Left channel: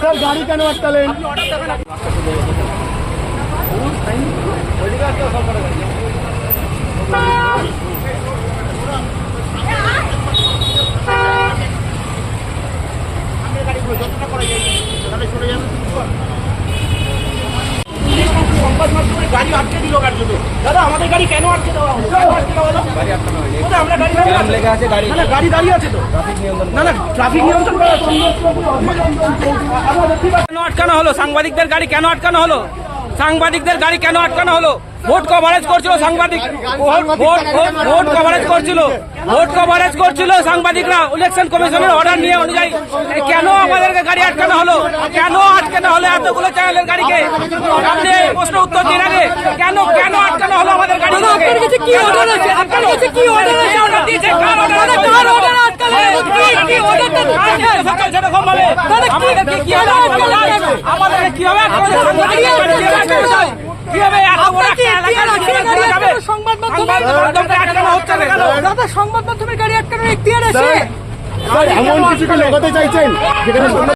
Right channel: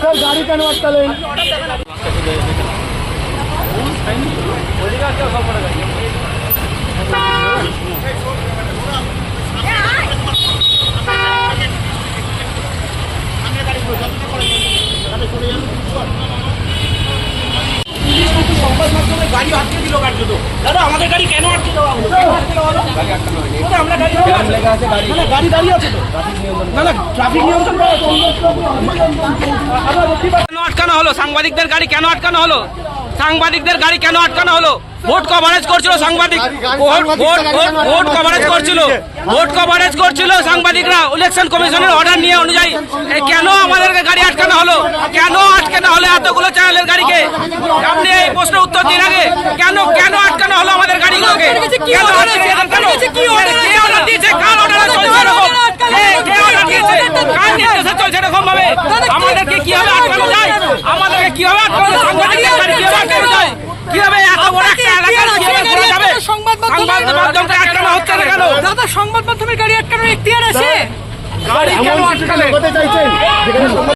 Sir গাড়ি কেন আটকালেন? সংবাদ মাধ্যমে গাড়ি আটকে দিল কার দাদা আমাদের গাড়ি কেন আটকে দেওয়া হলো? আমরা গাড়ি দাঁড়িয়ে আছে না না গাড়ি দাঁড়িয়ে আছে তো। না না ট্রাফিক নিয়ন্ত্রণ করা কেন আটকানো হলো সাংবাদিকদের গাড়ি কেন আটকানো হলো? সাংবাদিকদের গাড়ি কেন আটকানো হলো? ভোট কভারেজ করছিল সাংবাদিক। Vote vote vote vote coverage করছিল। ভোট কভারেজ করছিল সাংবাদিকরা। ইলেকশন কমিশনের অর্ডার নিয়ে অনুযায়ী কেন আমাদেরকে গাড়ি আটকানো হলো? কেন আটকানো হলো এতগুলো চ্যানেলের গাড়িকে? আপনি এই প্রশ্ন উত্তর দিন আগে কেন কেন আটকানো হলো আমাদের গাড়িগুলোকে? কে কে- কে আমাদেরকে আটকানো যায়? আমাদেরকে কীভাবে হবে? এত বড় একটা এলাকার যাবে? সংবাদ মাধ্যমে- মাধ্যমকে আটকানো হচ্ছে না কেন? দাদা সংবাদ মাধ্যমের গাড়ি আটকানোর এখতিয়ার আছে? গাড়ি কেন আটকালে?